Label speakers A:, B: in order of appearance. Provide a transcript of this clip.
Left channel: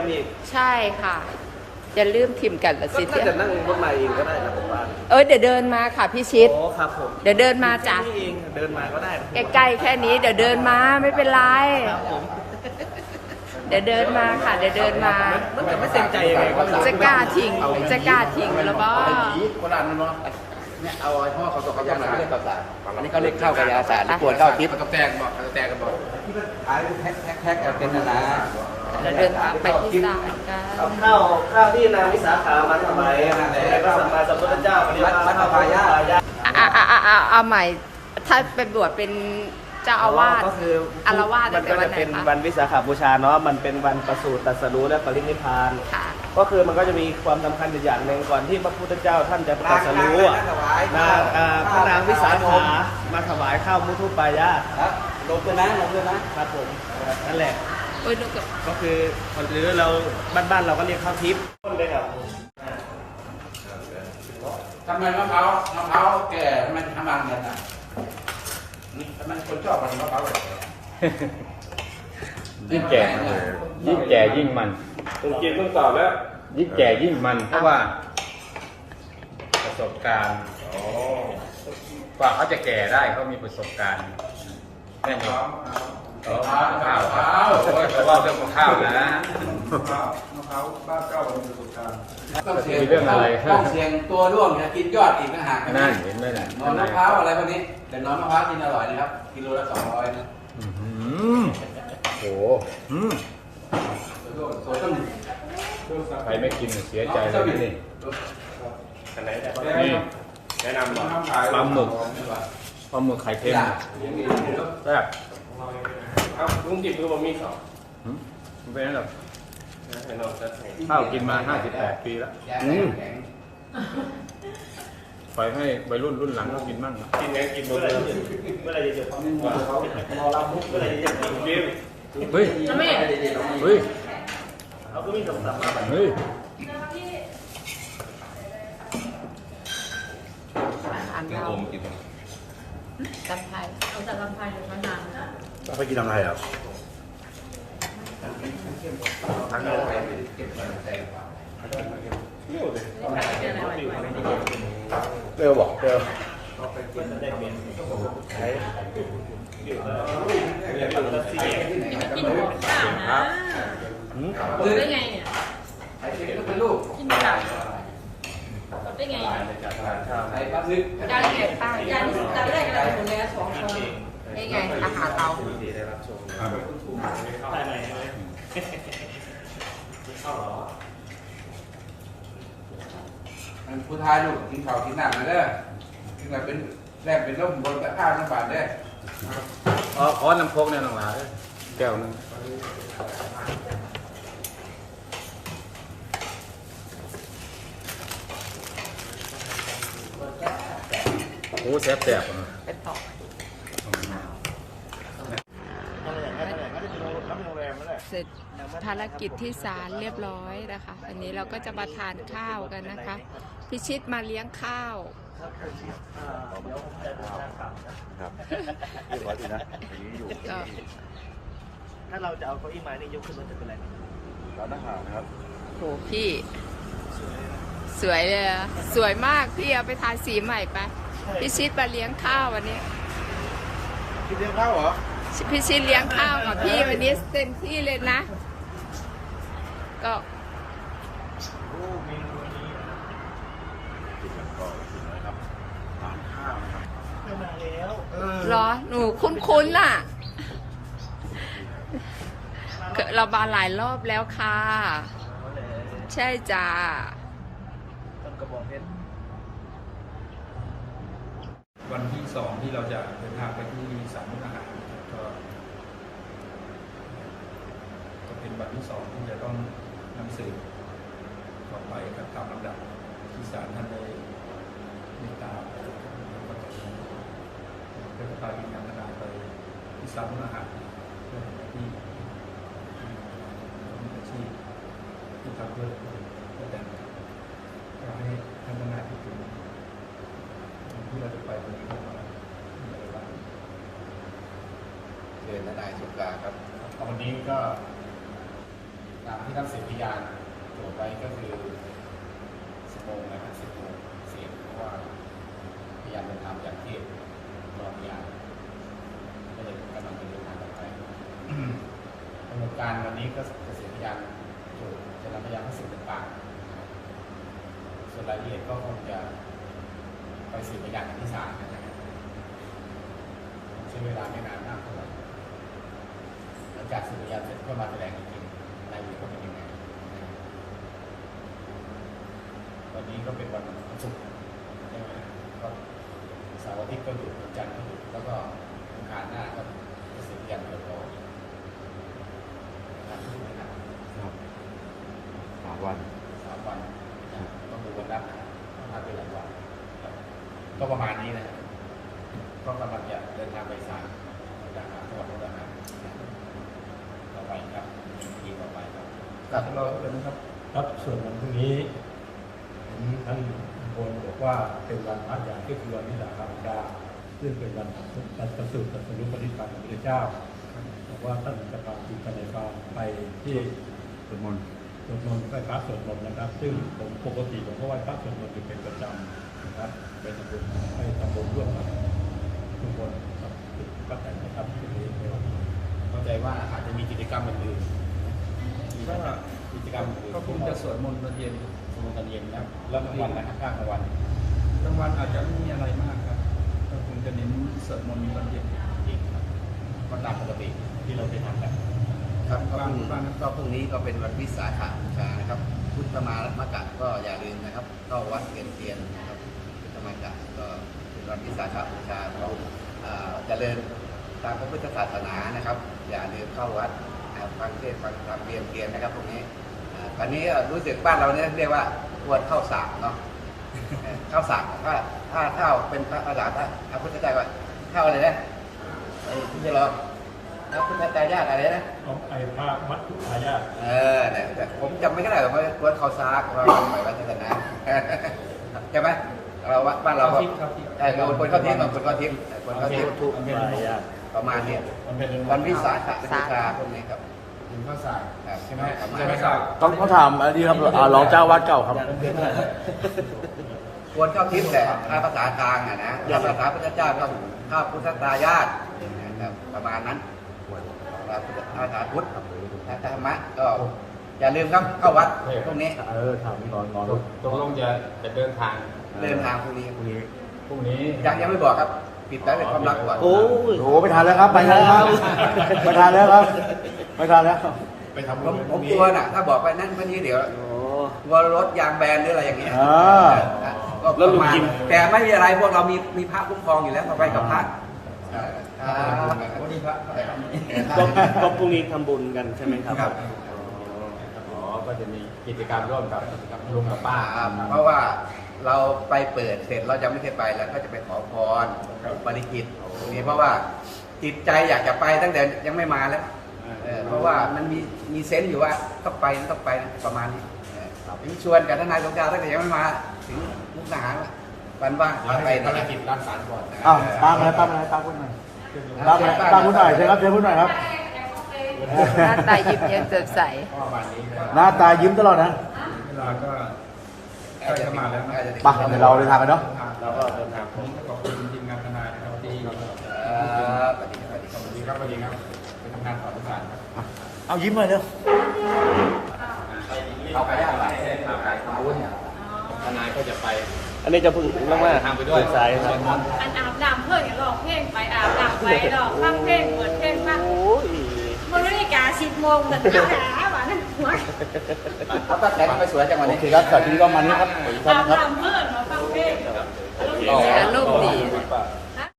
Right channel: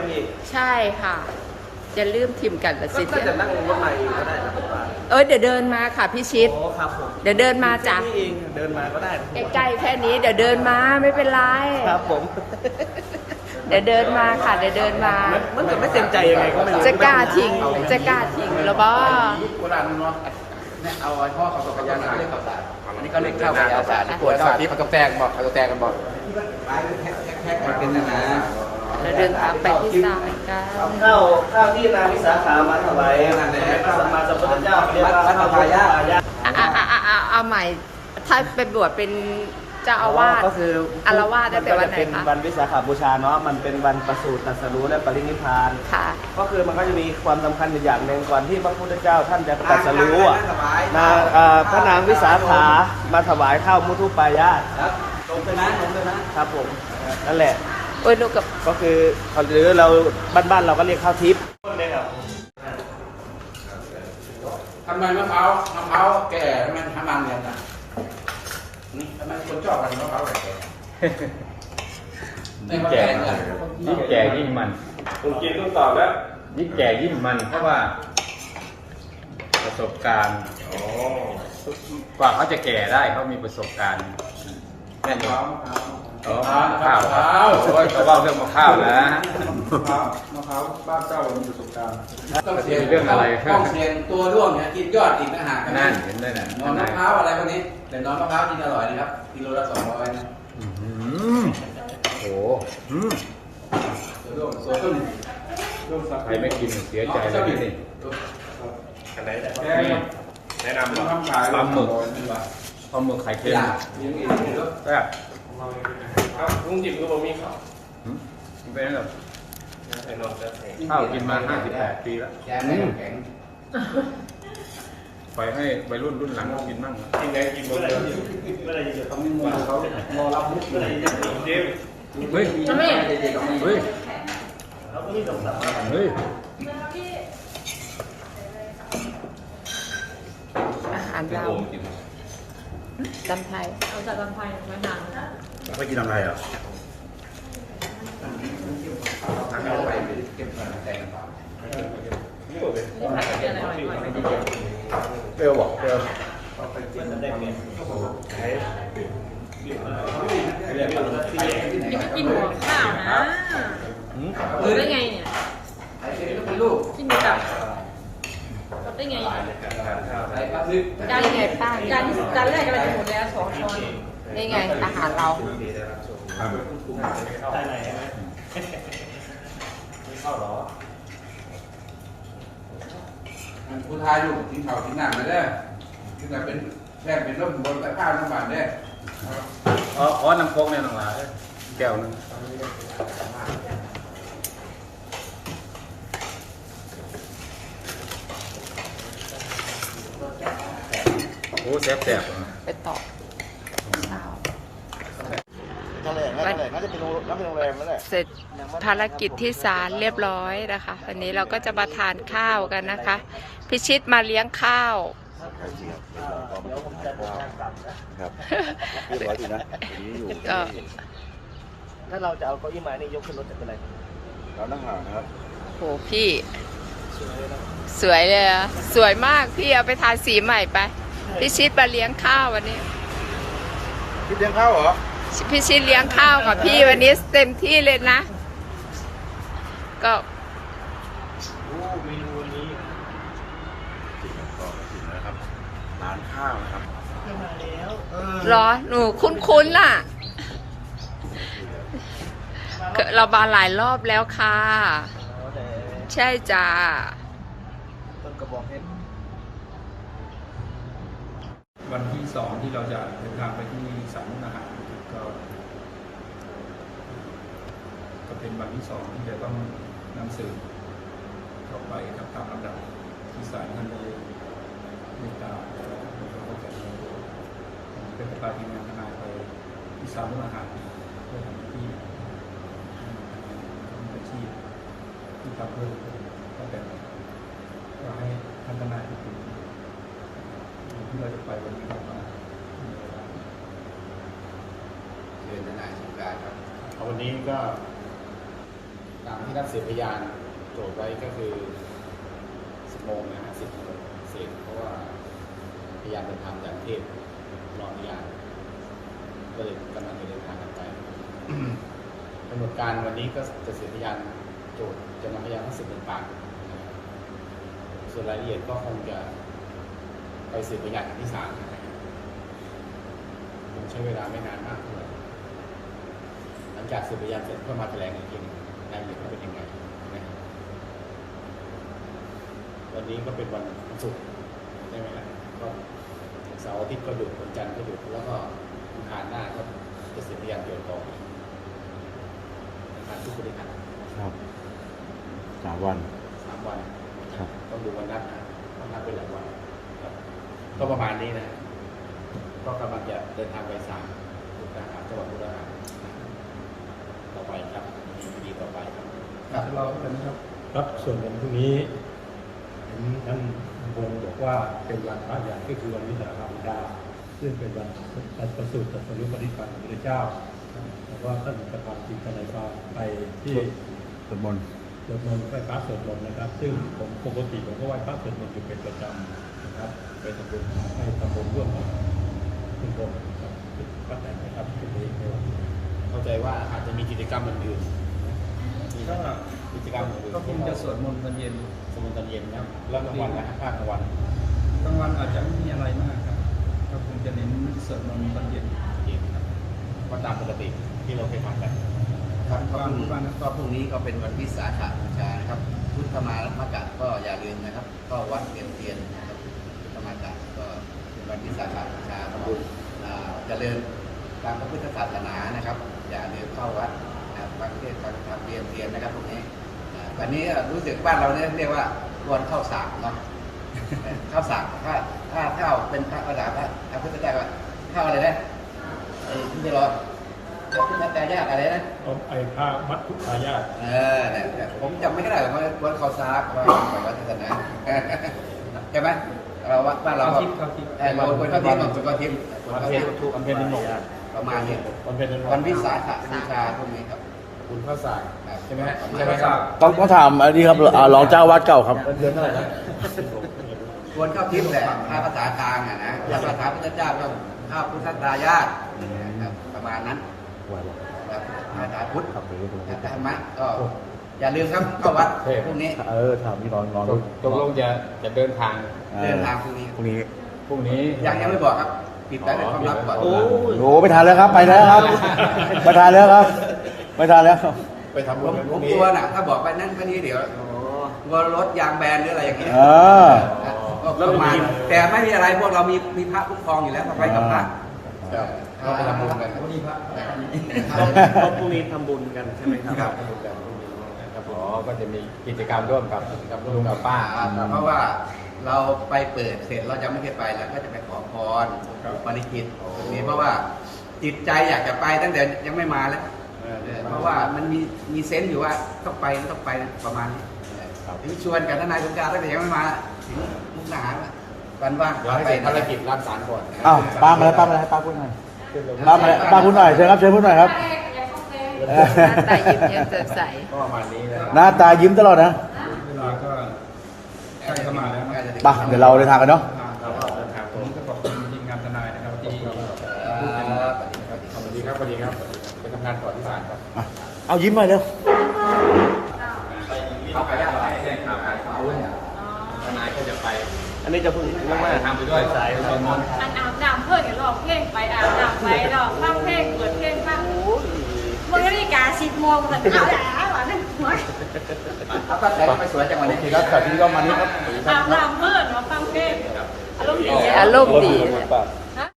A: พี่
B: ใช่ค่ะจะลืมทิมกันละสิ
A: ก็จะนั่งรถมาเองก็ได้
B: เดี๋ยวเดินมาค่ะพี่ชิด
A: โอ้ครับผม
B: เดี๋ยวเดินมาจ้ะ
A: นี่เองเดินมาก็ได้
B: ใกล้ๆแค่นี้เดี๋ยวเดินมาไม่เป็นไร
A: ครับผม
B: เดี๋ยวเดินมาค่ะเดี๋ยวเดินมา
A: มันจะไม่เต็มใจยังไงก็ไม่รู้
B: จะกล้าทิ้งแล้วบ้า
C: โบราณเนาะเนี่ยเอาไอ้พ่อเขาตกกระยาศาสตร์อันนี้เขาเรียกเจ้ากระยาศาสตร์ตัวศาสตร์เขาต้องแจ้งบอกเขาจะแจ้งกันบอกขายแพ็คเป็นนะ
B: เราเดินทางไปที่ศาลกัน
A: ข้าวที่นางวิสาขามาถวายพระสัมมาสัมพุทธเจ้าวัดมะพร้าว
B: เอาใหม่ถ้าเป็นบวชเป็นเจ้าอาวาส
A: ก็คือ
B: อารวาสตั้งแต่วันไหน
A: เป็น
B: คะ
A: วันวิสาขบูชาเนาะมันเป็นวันประสูติตรัสรู้และปรินิพพาน
B: ค่ะ
A: ก็คือมันก็จะมีความสำคัญอย่างหนึ่งก่อนที่พระพุทธเจ้าท่านจะตรัสรู้พระนางวิสาขามาถวายข้าวมุทุปายาตครับผมนั่นแหละ
B: โอ้ยลูกกับ
A: ก็คือหรือเราบ้านๆเราก็เรียกข้าวทิพย์
C: ทำไมมะพร้าวแก่ทำไมทำมันกันอ่ะนี่ทำไมคนชอบกันมะพร้าวแก่
D: ยิ่งแก่ยิ่งแก่ยิ่งมัน
A: ผมกินต้องตอบแล้ว
D: ยิ่งแก่ยิ่งมันเพราะว่าประสบการณ์กว่าเขาจะแก่ได้เขามีประสบการณ์แน่นอนข้าวโอ้ยเขาเล่าเรื่องมะพร้าวนะ
C: มะพร้าวบ้านเจ้ามีประสบการณ์ต้องเสียงต้องเสียงตัวด้วงนะกินยอดกินต่างหากนะ
D: เห็นไหมน่ะ
C: นอนมะพร้าวอะไรพวกนี้แต่นอนมะพร้าวกินอร่อยนะครับกิโลละ200นะ
D: โอ้โห
C: ตัวต้อง
D: ใครไม่กินเสียใจ
C: สับ
D: เล
C: บิ
D: ย
C: น
D: นี่
C: นี่
D: แนะนำปลาหมึกไข่เค็มแซ่บ
A: ก็พุ่งจิบคือบะหมี่สอง
D: เป็นไง
A: เป็นนอนก็แข็ง
D: ข้าวกินมา58 ปีแล้ว
C: แกงแข็ง
D: ไปให้วัยรุ่นหลังกินมั่ง
A: กินแดงกินเบอร์เมื่อไรจะทำให้มือเขารอรับมุกเมื่อไรจะกินเกม
D: เฮ้ยเฮ้ย
A: เขาก็มีคำสั่ง
D: เฮ้ย
B: อัน
D: เป็น
B: เรา
D: โอมกินมั้ง
B: จำไทย
E: เราจะลำไส้ไม่นาน
D: ไปกินอะไรอ่ะ
C: เปรี้ยวบอกเปรี้ยว
A: กินได้เนี่ยก็บอกให้กินได้
E: กินหัวข้าวนะได้ไงเนี่ย
C: ไอ้เค็มก็เป็นลูก
E: กินกับได้ไง
C: ไอ้ปลาลึก
E: จานไงจานแรกอะไรจะหมดแล้ว2 ช้อน
B: นี่ไงอาหารเรา
A: ได้ไรเข้าหรอ
C: ผู้ชายลูกกินข้าวกินน้ำไม่ได้กินแบบเป็นแค่เป็นร่มบนตะข้าวน้ำบานได้
D: ขอน้ำโค้งในหน่อยแก้วโอ้แซ่บ
B: ไปต่อ เสร็จภารกิจที่ศาลเรียบร้อยนะคะวันนี้เราก็จะมาทานข้าวกันนะคะ พิชิตมาเลี้ยงข้าว
A: เดี๋ยวผมจะเดินทางกลับนะ
B: ก็
A: ถ้าเราจะเอาเก้าอี้มานี่ยกขึ้นรถจะเป็นไร
D: เรานั่งห่างนะครับ
B: โหพี่ สวยเลยอะสวยมากพี่เอาไปทาสีใหม่ไปพิชิตมาเลี้ยงข้าววันนี้
D: พี่เลี้ยงข้าวเหรอ
B: พิชิตเลี้ยงข้าวกับพี่วันนี้เต็มที่เลยนะ ก็
A: เมนูวันนี้
D: นะครับร้านข้าวนะครับ
A: มาแล้ว
B: รอหนูคุ้นๆน่ะเรามาหลายรอบแล้วค่ะ ใช่จ้า
A: ต้นกระบอกเพชร
F: วันที่2ที่เราจะเดินทางไปที่ศาลมุกดาหารก็เป็นวันที่2ที่จะต้องนำสืบต่อไปครับตามลำดับที่ศาลท่านได้เมตตาคนก็จะเป็นประธานทีมงานทนายไปที่ศาลมุกดาหารเพื่อทำที่ทำอาชีพที่ทำเพื่อก็เป็นก็ให้ท่านทนายพูดถึงที่เราจะไปวันนี้ครับว่าอะไรบ้าง
C: เรียนในนายสงการครับ
D: วันนี้ก็
C: ตามที่นัดสืบพยานโจทย์ไว้ก็คือ10 โมงนะฮะ10 โมงเสร็จเพราะว่าพยานเดินทางจากเทพรอพยานก็เลยกำลังจะเดินทางกันไป กำหนดการวันนี้ก็จะสืบพยานโจทย์จะนำพยานทั้ง10 ปากส่วนรายละเอียดก็คงจะไปสืบพยานกันที่ศาลนะครับมันใช้เวลาไม่นานมากเท่าไหร่หลังจากสืบพยานเสร็จก็มาแถลงอีกทีนึงรายละเอียดว่าเป็นยังไงนะครับวันนี้ก็เป็นวันศุกร์ใช่ไหมครับก็เสาร์อาทิตย์ก็หยุดวันจันทร์ก็หยุดแล้วก็อังคารหน้าก็จะสืบพยานโจทย์ต่อทางทุกคนนะครับ
F: 3 วัน
C: 3 วันต้องดูวันนัดนะวันนัดเป็นหลายวันครับก็ประมาณนี้นะก็กำลังจะเดินทางไปศาลมุกดาหารจังหวัดมุกดาหารต่อไปครับเป็นคดีต่อไปครับ
F: จะเล่าที่เป็นครับครับส่วนวันพรุ่งนี้เห็นท่านบนบอกว่าเป็นวันพระใหญ่ก็คือวันวิสาขบูชาซึ่งเป็นวันประสูติตรัสรู้ปฏิบัติของพระพุทธเจ้าบอกว่าท่านจะพาทีมทนายความไปที่สวดมนต์ไหว้พระสวดมนต์นะครับ ซึ่งผมปกติผมก็ไหว้พระสวดมนต์อยู่เป็นประจำนะครับไปทำบุญให้ทำบุญร่วมกับทุกคนกับป้าแตนนะครับตรงนี้ในวันนี้
C: เข้าใจว่าอาจจะมีกิจกรรมอื่นๆมีกิจกรรมอื่นๆ
F: ก็คงจะสวดมนต์ตอนเย็น
C: สวดมนต์ตอนเย็นนะครับแล้วกลางวันนะครับภาคกลางวัน
F: กลางวันอาจจะไม่มีอะไรมากครับก็คงจะเน้นสวดมนต์ตอนเย็น
C: ก็ตามปกติที่เราเคยทำกันครับก็พรุ่งนี้ก็เป็นวันวิสาขบูชานะครับพุทธมามกัดก็อย่าลืมนะครับเข้าวัดเทียนนะครับพุทธมากะก็เป็นวันวิสาขบูชาทำบุญเจริญตามพระพุทธศาสนานะครับ อย่าลืมเข้าวัดฟังเทศน์ฟังธรรมเรียนเทียนนะครับพวกนี้ตอนนี้รู้สึกบ้านเราเนี่ยเรียกว่าควรเข้าสากเนาะ เข้าสากถ้าเข้าเป็นภาษาพระพุทธเจ้าว่าเข้าอะไรนะไอ้ที่จะรอพระพุทธเจ้ายากอะไรนะ
F: ไอ้พระมัทธุทายาท
C: แต่ผมจำไม่ได้หรอกว่าควรเข้าสากว่าไปวัดศาสนา ใช่ไหมเราวัดบ้านเราก็คนเข้าทิพย์คนเข้าทิพย์คนเข้าทิพย์
F: มันเป็นนม
C: ประมาณนี้
F: มันเป็นนม
C: วันวิสาขบูชาพวกนี้ครับคุณเข้าสากใช่ไหมฮะ
A: ต้องถามอันนี้ครับรองเจ้าวัดเก่าครับ
F: เดือนเท่าไหร่
C: ควรเข้าทิพย์แต่ถ้าภาษากลางนะถ้าภาษาพุทธเจ้าเข้าพุทธทายาทประมาณนั้นภาษาพุทธธรรมะก็อย่าลืมครับเข้าวัดพวกนี้
F: ถามพี่น้อง
D: ตกลงจะเดินทาง
C: เดินทางพวกนี้
D: พรุ่งนี้
C: ยังไม่บอกครับปิดได้เป็นความลับก่อน
A: โหไม่ทันแล้วครับไปแล้วครับไม่ทันแล้วครับไม่ทันแล้ว
C: ไปทำบุญผมกลัวน่ะถ้าบอกไปนั่นนี้เดี๋ยวกลัวรถยางแบนหรืออะไรอย่างเงี้ยก็ประมาณแต่ไม่มีอะไรพวกเรามีพระคุ้มครองอยู่แล้วเราไปกับพระก็ไปทำบุญกัน
F: วันนี้พระ
A: พรุ่งนี้ทำบุญกันใช่ไหมครับ
D: ครับผมก็จะมีกิจกรรมร่วมกับร่วมกับป้า
C: เพราะว่าเราไปเปิดเสร็จเราจะไม่เคยไปแล้วก็จะไปขอพรปฏิจิตตรงนี้เพราะว่าจิตใจอยากจะไปตั้งแต่ยังไม่มาแล้วเพราะว่ามันมีเซนส์อยู่ว่าต้องไปประมาณนี้ชวนกันทนายสมชายตั้งแต่ยังไม่มาถึงมุกดาหารกันว่า
D: เดี๋ยวให้เสร็จภารกิจรักษาก่อน
A: อ้าวป้าพูดหน่อยป้าพูดหน่อยเชิญครับเชิญพูดหน่อยครับ
B: หน้าตายิ้มยังสดใส
C: ก็ประมาณนี้นะ
A: หน้าตายิ้มตลอดนะ
F: เวลาก็ใกล้เข้ามาแล้วนะ
A: มาเดี๋ยวเราเดินทางกันเนาะ
F: ผมก็ขอบคุณทีมงานทนายนะครับที่
C: พูดกัน
D: ขอบคุณครับวันนี้ครับไปทำงานต่อที่ศาลครับ
A: เอายิ้มหน่อยเด้อ
D: ทนายก็จะไป
A: อันนี้จะพูดว่า
D: ทำไปด้วยสายเดินมน
E: อันอาบน้ำเพื่อนเนี่ยร้องเพลงไปอาบน้ำไปร้องฟังเพลงเปิดเพลงฟังมันนาฬิกา10 โมงแต่เอาหนาหวานหัว
C: เขาก็แต่งไปสวยจังวันนี้คือรักษาถึงต้องมานี้
E: อาบน้ำเพื่อนมาฟังเพลงอารมณ์ดี
B: อารมณ์ดี
C: ค